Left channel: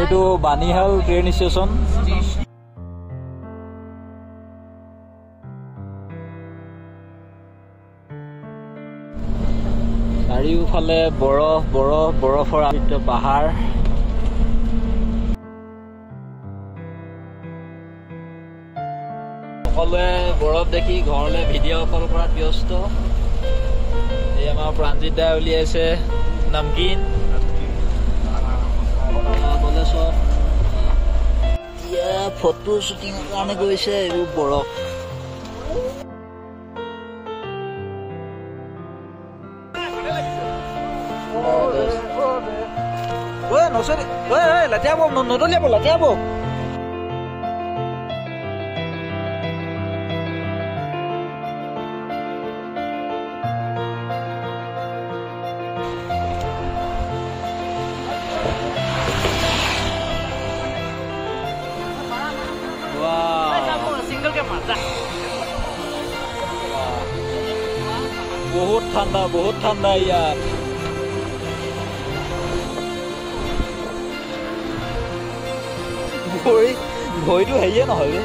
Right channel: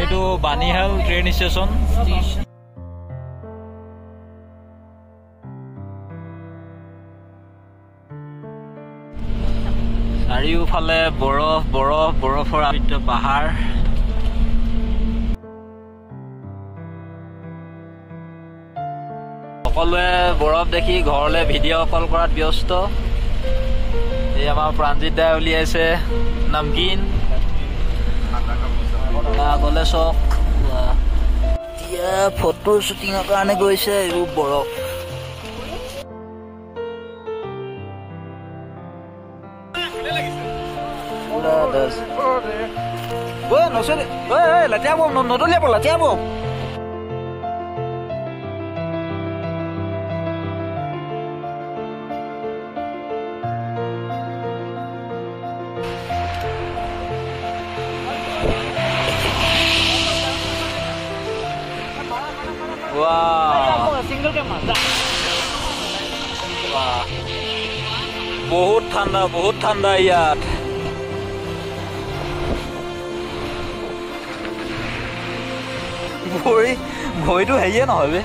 এইটো Banihal train station. চাৰিওফালে বৰফ বৰফ বৰফৰ আবৃত পাহাৰ। সকলোৱে বৰফ দেখি ঘৰলৈ ভিডিঅ' কল কৰাত ব্যস্ত। এই আমাৰ প্ৰাণজিত দাই উলিয়াইছে নমকিন গলে চক। এতিয়া ফটো শ্বুটিঙৰ কাৰণে গৈছে এইবোৰ বৰফ। লেতেৰা বম নদলিয়াব লেতেৰা বম। বহুত ঠাণ্ডা ইয়াত। ভৰিটো হেৰিয়ে নহয় বে।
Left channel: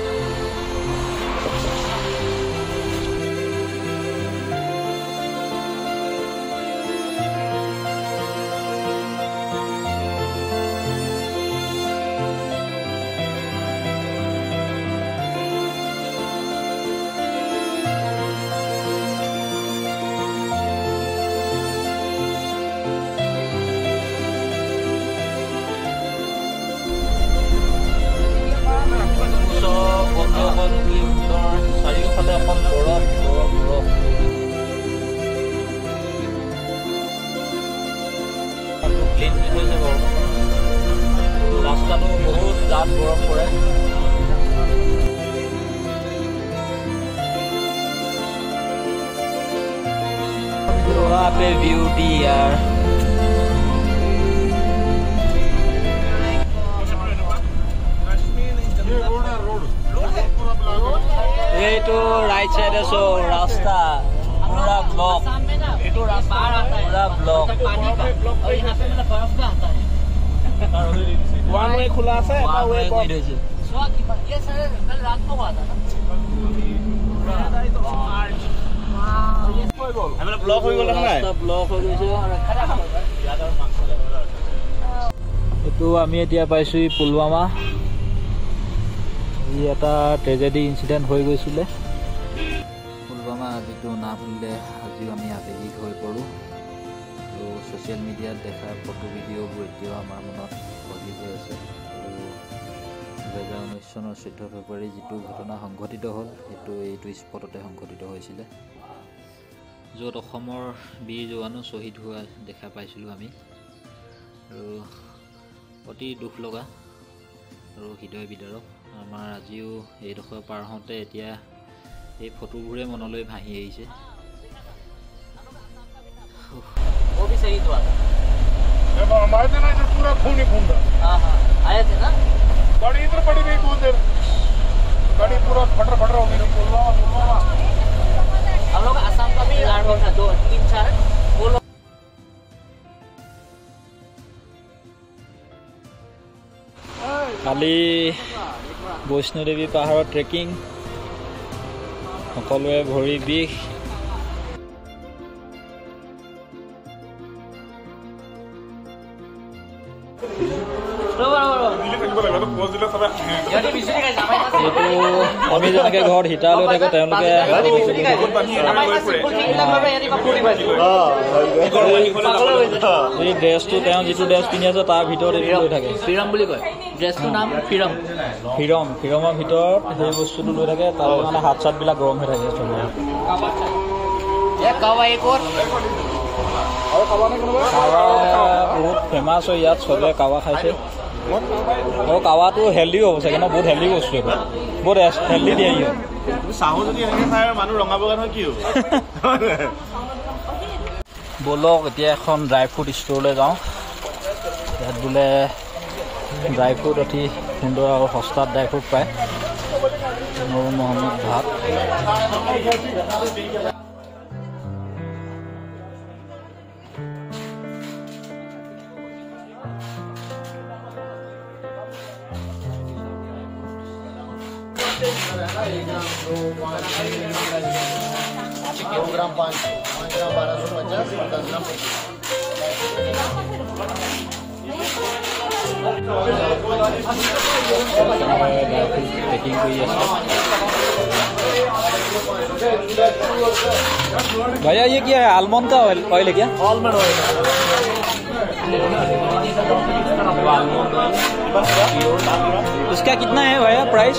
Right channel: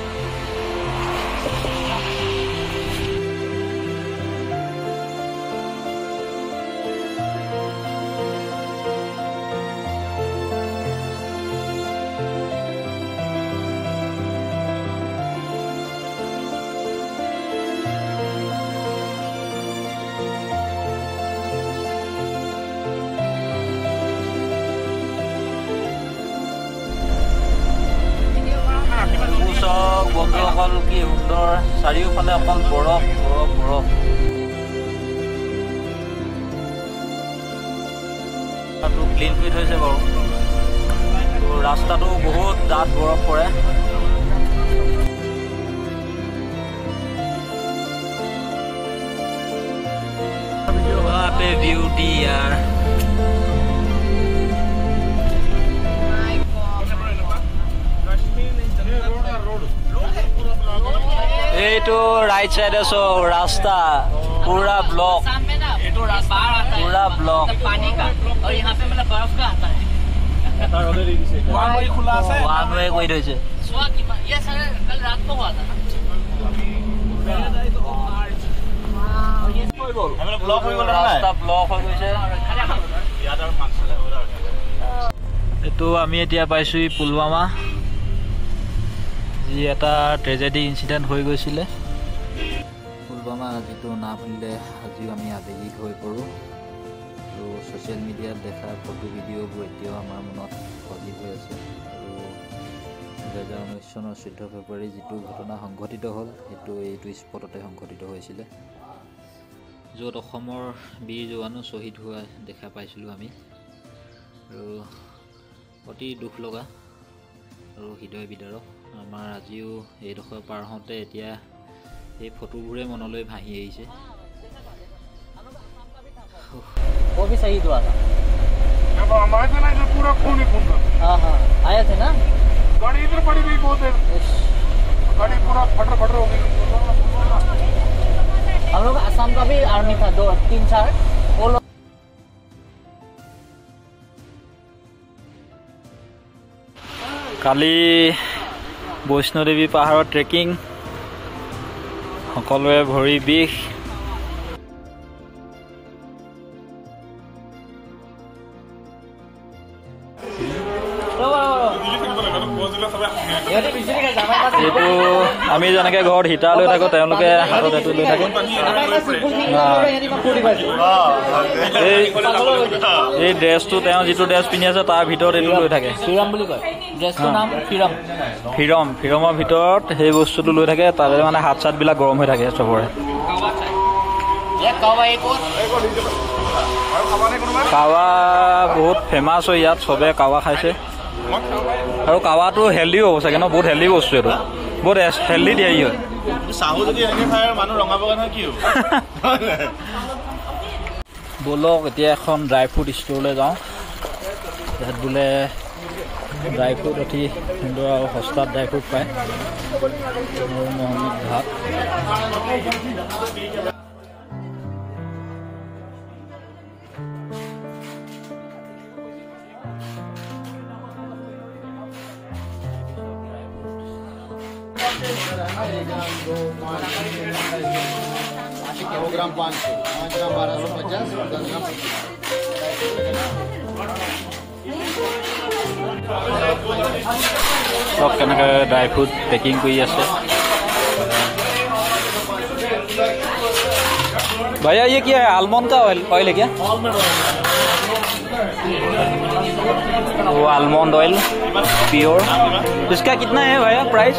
বন্ধুসকল কি সুন্দৰ, চাৰিওফালে অকল বৰফ বৰফ বৰফ। ক্লিন কৰি থৈছে বাৰু, ৰাস্তাটো বহুত ডাঠ বৰফ পৰে। বিউটি ইয়াৰ। এইটো ৰাইট চাইডে চব ৰাস্তা পুৰা ব্লক, পুৰা ব্লক। ওৱান ৱে কৰি থৈছে। ৰাস্তা ব্লক হৈ গৈছে। এইটো আমি এতিয়া পাইছো পুলৱামা, যি এটা ট্ৰেজেডি ইনচিডেণ্ট হৈ গৈছিলে। পুলৱামা যিটো নাম শুনিলে আজিও আমি আৱেগিক হৈ পৰোঁ। আৰু ছ'চিয়েল মিডিয়াত দেখা ফটো ভিডিঅ'বোৰ এতিয়াও আমাৰ মনত সজীৱ হৈ আছে। আৰু 2019 চনৰ 14 ফেব্ৰুৱাৰী যিটো ঘটনা সংঘটিত হ'ল সেইটো এইটো স্পটতে সংঘটিত হৈছিলে, য'ত অসমৰ বীৰ জোৱানো শ্বহীদ হোৱা দেখা পাইছিলোঁ আমি। আৰু অতি দুখ লগা আৰু হৃদয় বিদাৰক। আমাৰ আজিও এইডোখৰ পাৰ হওঁতে এতিয়া এই ফটোবোৰে মনলৈ ভাহি আহিছে। वो भी शहीद हुआ था जब हमारे थे ना, जो पूरा खून ही खून था। हाँ आए थे ना, गाड़ी इधर पड़ी गई बहुत देर, गाड़ी पूरा फटर फटर हो गई। हम लोग आसाम का भी आर्मी था, 2-3-4 वो लोग। কালি বৈষ্ণোদেৱী পাহাৰৰ ট্ৰেকিং, সকলোৱে ভৰি বিষ। এইটো আমি যেনেকে ঘৰত হিটাৰ লৈ থাকো, তেওঁলোকে হাতত এইটো লৈ থাকে। এই ড্ৰেছটো তেওঁ যিটো ড্ৰেছ পিন্ধি আছে তাৰ ভিতৰত এইটো লৈ থাকে। ফিৰমৰ ভিতৰত সেই বস্তুটো লৈ থাকে, তাৰে মানে হাত চাতবিলাক গৰম হৈ থাকে চবৰে। কাৱা বহুত ফেমাছ হয় ইয়াত, চবে কাৱা খাইছে। আৰু কাৱাটো হেল্ডিও হ'ব চাগে ন, বহুত হেল্ডি বস্তু এইটো, বহুত হেল্ডি দিয়ে হয়। ব'লক এতিয়া এখন ড্ৰাই ফ্ৰুট ষ্ট'ৰলৈ যাওঁ। ইয়াত বোলে ড্ৰাই ফ্ৰুট অতি সুন্দৰ আৰু সস্তাত ড্ৰাই ফ্ৰুট পায়। নুৰ মহম্মদ ভাত। किलोग्राम 5 ग्राम 1250 10 ग्राम सब केनेके ड्राई फ्रूट पैकिंग কৰি আছে भैया ये क्या है आलमंड का ऑयल है क्या आलमंड ऑयल वो आलमंड ऑयल प्योर इसका कितना है भैया प्राइस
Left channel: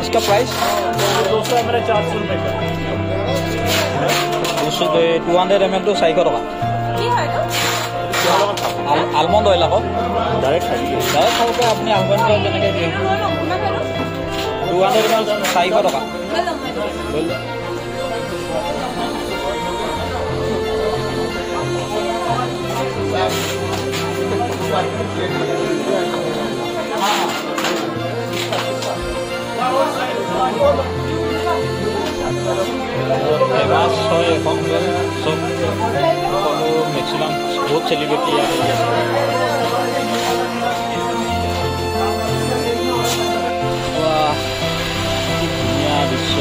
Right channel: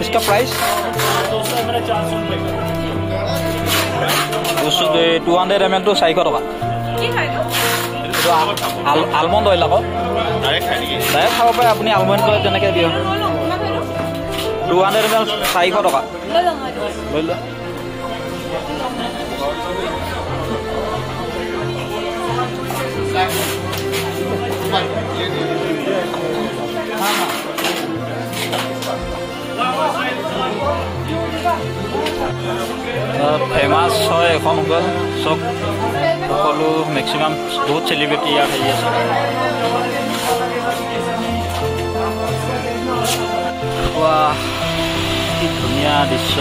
इसका प्राइस 200 ml 400 रुपए का 200 ml तो 400 টকা आलमंड ऑयल আকৌ डायरेक्ट खाई दिए डायरेक्ट খাব পাৰে আপুনি আলমন্ড অয়েল যেনেকৈ দিয়ক 200 ml 400 টকা লৈ ল फेमास হয় এখন হোটেল চব সকলো মেক্সিমাম বহুত সেলিব্ৰিটি ইয়াত আহি আছে বাহ কি ধুনীয়া দৃশ্য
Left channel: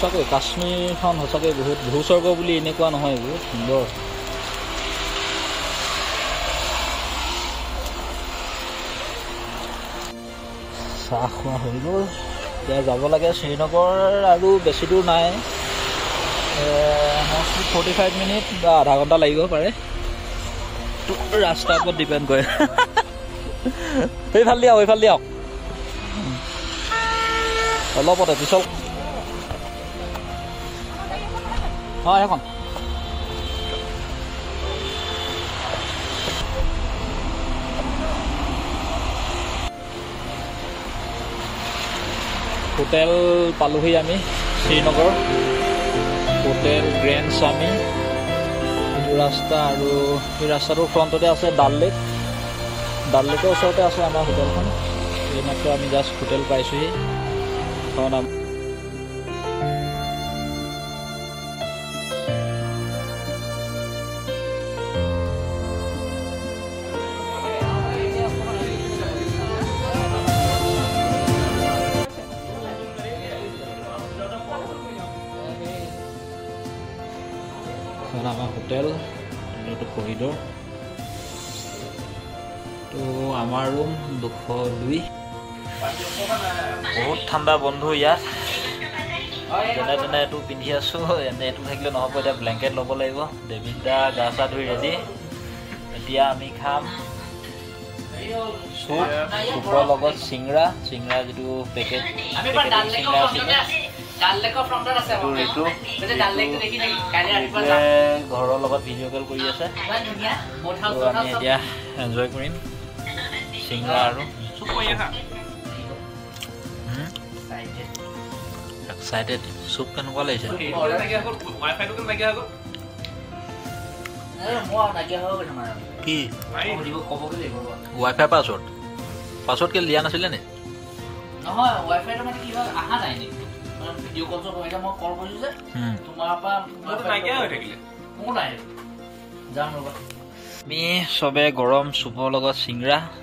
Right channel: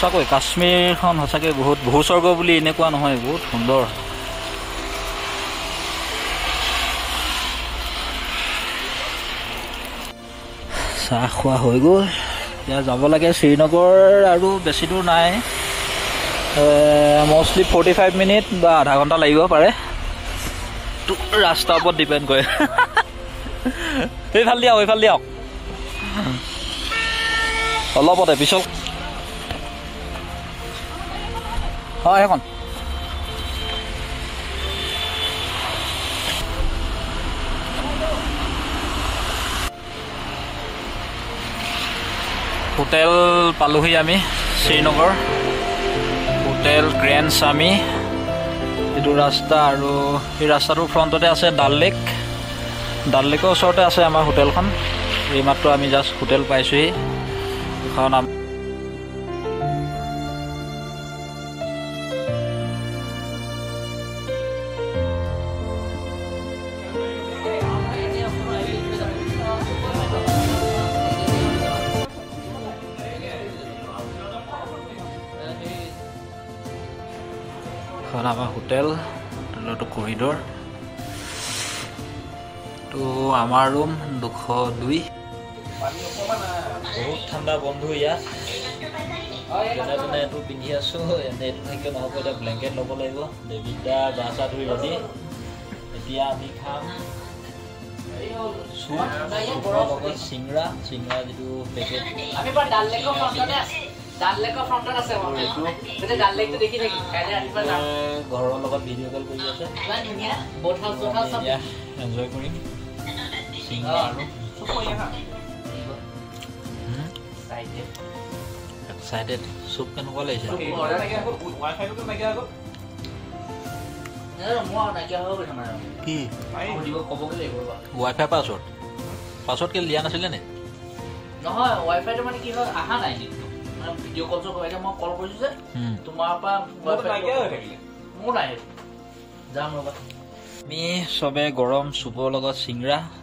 সঁচাকৈ কাশ্মীৰখন সঁচাকৈ বহুত ভূস্বৰ্গ বুলি এনেকুৱা নহয় বহুত সুন্দৰ চাহ খোৱা হৈ গ'ল এতিয়া যাব লাগে শ্ৰীনগৰ আৰু বেছি দূৰ নাই মষ্টলি 45 মিনিট বা আধা ঘণ্টা লাগিব পাৰে ৰাস্তাৰ ওপৰত ডিপেণ্ড কৰে এইফাল দিয়ক অলপতে পিছত হয় এখন হোটেল পালোহি আমি শ্ৰীনগৰ হোটেল গ্ৰেণ্ড স্বামী এইটো ৰাস্তা আৰু এই ৰাস্তাটোৰ ফ্ৰণ্টতে আছে ডাল লেকৰ ওচৰতে আছে আমাৰ হোটেলখন এইমাত্ৰ আমি জাষ্ট হোটেল পাইছোহি এখন আমাৰ হোটেলটো কৰিডৰ তো আমাৰ ৰুম 202 বহুত ঠাণ্ডা বন্ধু ইয়াত যেনে তেনে এইটো পিন্ধি আছো এনে এইটো থাকিলে নহ'ব এতিয়া ব্লেংকেট ল'ব লাগিব দেবিদা গা চা ধুই ৰেডি এতিয়া আমি খাম চুপৰ লগত চিংৰা যিটো পেকেট ঘৰৰ লগত ভিডিঅ' কল কৰি আছে আমি এতিয়া এনজয় কৰিম চিংৰা আৰু এক্সাইটেড চুপ কেনেকুৱা লাগিছে কি ৱাইফাই পাছৱৰ্ড কেলে দিয়া নাছিলে নে নহয় ৱাইফাইটো মানে কি হয় আহা নাই নেকি ভিডিঅ' কল কৰিলে মই কল কৰিছো যে তোমাৰ পৰা ৱাইফাই হৈ থাকিলে মোৰ নাই যাম ৰবা আমি চবে গৰম চুপৰ লগত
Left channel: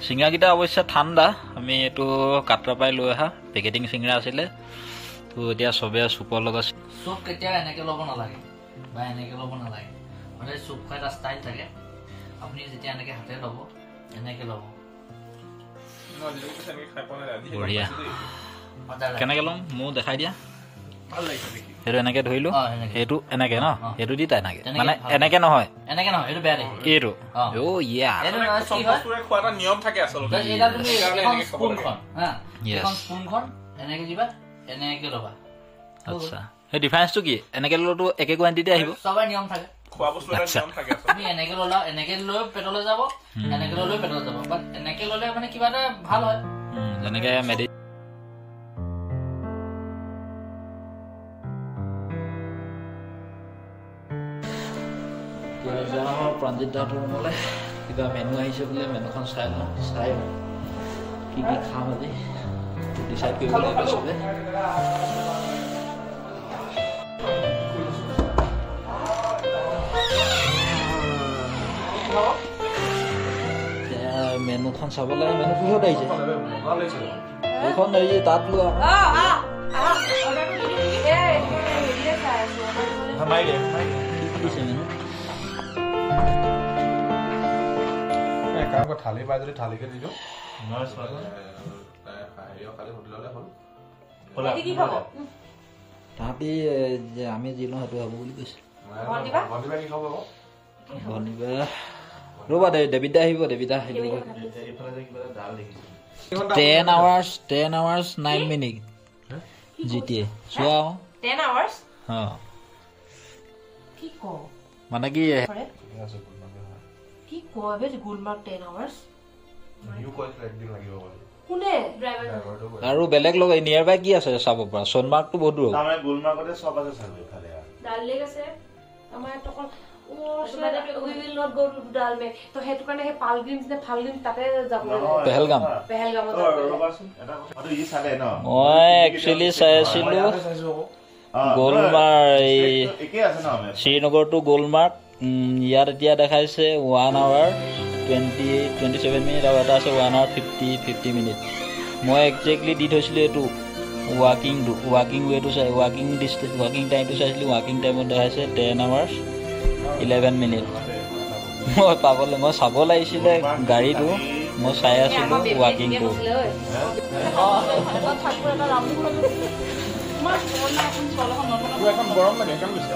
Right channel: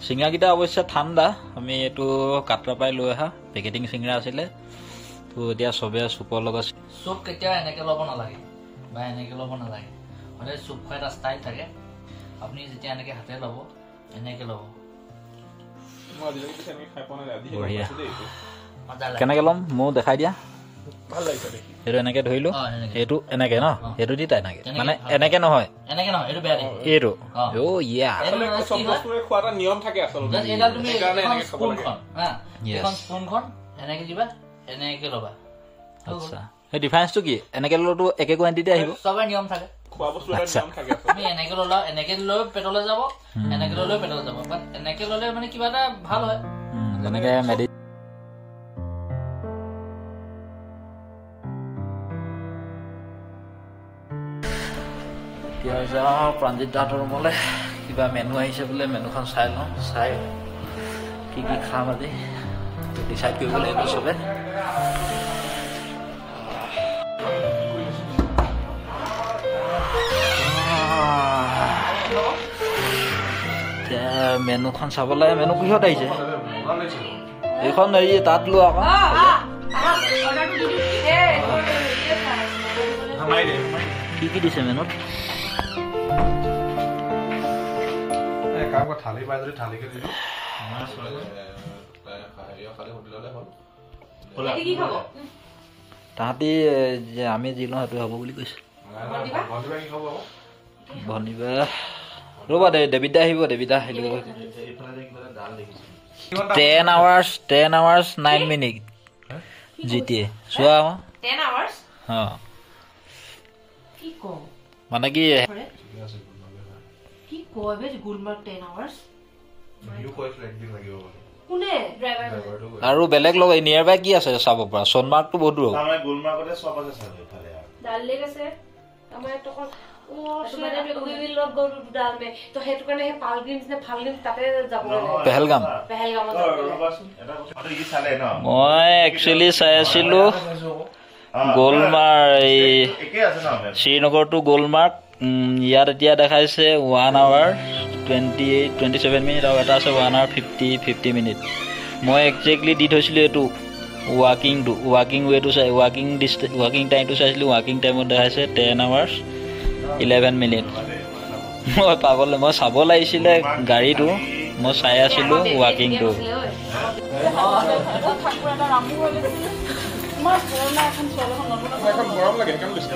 চিংৰাকেইটা অৱশ্যে ঠাণ্ডা আমি এইটো কাটৰা পাই লৈ অহা পেকেটিং চিংৰা আছিলে তো এতিয়া চবে চুপৰ লগত চুপ কেতিয়াও এনেকে ল'ব নালাগে বা এনেকে ল'ব নালাগে সদায় চুপ খোৱা এটা ষ্টাইল থাকে আপুনি যেতিয়া এনেকে হাতে ল'ব এনেকে ল'ব বঢ়িয়া কেনেকে ল'ম মোক দেখাই দিয়া সেইটো এনেকে ধৰিলো এইটো এনেকে ন এইটো দি তাই এনেকে মানে এনেকে নহয় এইটো বেয়া দেখে এইটো অ ইয়া খোৱাটা নিয়ম থাকে আচলতে সেইকাৰণে এনেকে খাব লাগে এখন স্পুনখন এনেকে দিবা এনেকে ল'বা আচ্ছা এই ডিফাৰেন্সটো কি এনেকে ল'লেতো একে কোৱান্টিটি আহিব সবাই নিয়ম থাকে খোৱা বস্তু এটা নিয়ম থাকে তুমি এনেকে ল'লা এনেকে লৈ পেটলৈ যাব এনেকে লৈ পেটলৈ যাব বাট এনেকে ল'লে মানে কিবা এটা ভাল হয় যেনেকে মেডি এতিয়া যাওঁ প্ৰাঞ্জিত দাহঁতৰ ৰুমলৈ কিবা মেনু আহিছে বোলে মেনুখন চাই লওঁ চাই কি খাম আজি ডিচাইড কৰিব লাগিব চবে মেনুখন চাবলৈ মেনু কিহত আহিছে এইখন এই তাত লোৱা কি কি দিছে মেনুত থালি পাই যদি থালিকে দিলো তাহাঁতি যে আমি যি লওঁ সেইটো হ'ব বুলি কৈছে ভনিবা ৰ'বা দেৱিতা আহিব দেৱিতা আহিব 10 hours 9 minutes জিটিয়ে চোৱা 10 hours কি কো মানে কি কি কো এবে গুলমাৰ্গ 10 hours ইউ কয় ফ্লাইট দিন লাগিব বলে কোনে ড্ৰাইভাৰ আৰু বেলেগ লগ নিয়াৰ বাই কি আছে চাব পৰা সোণমাৰ্গটো বহুত দূৰ তাৰমানে গুলমাৰ্গতে সব আছে চালে ফালে ডাল লেগ আছে আমাৰ তখন ও সেৰে উই উইল নট গো টু ডাল মে তো হেতু কাৰণে হে পালগ্ৰিমছ নে ফালগ্ৰিম তাতে যাব পেহেলগাম ৰবাচোন এটা কথা আৰু ই চালে ন মই একচুয়ালি চাই আছিলো গোলমাৰ্গ এই একে আছে ন শ্ৰীনগৰ টু গোলমাৰ্গ ইয়াত এতিয়া দেখাইছে 1 hour 27 minutes আৰু এটা আছে 1 hour 50 minutes মই একজেক্টলি দি থৈছিলো এটো ৱাকিং ৱেটো চাই ৱাকিং টাইমটো চাইছিলো ৱাকিং টাইমত দেখাইছে 10 hours 11 minutes মই চাব লাগিছিলে গাড়ীটো মই চাই আছিলো ৱাকিংটো গৰম লাগে কেন গৈছে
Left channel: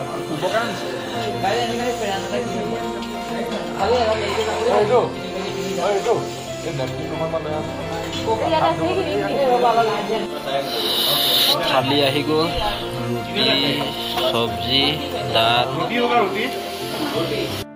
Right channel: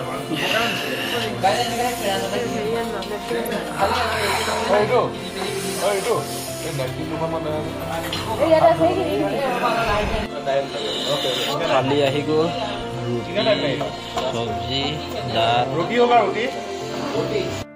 খালি আহি গ'ল ৰুটি চব্জি দাল ৰুটি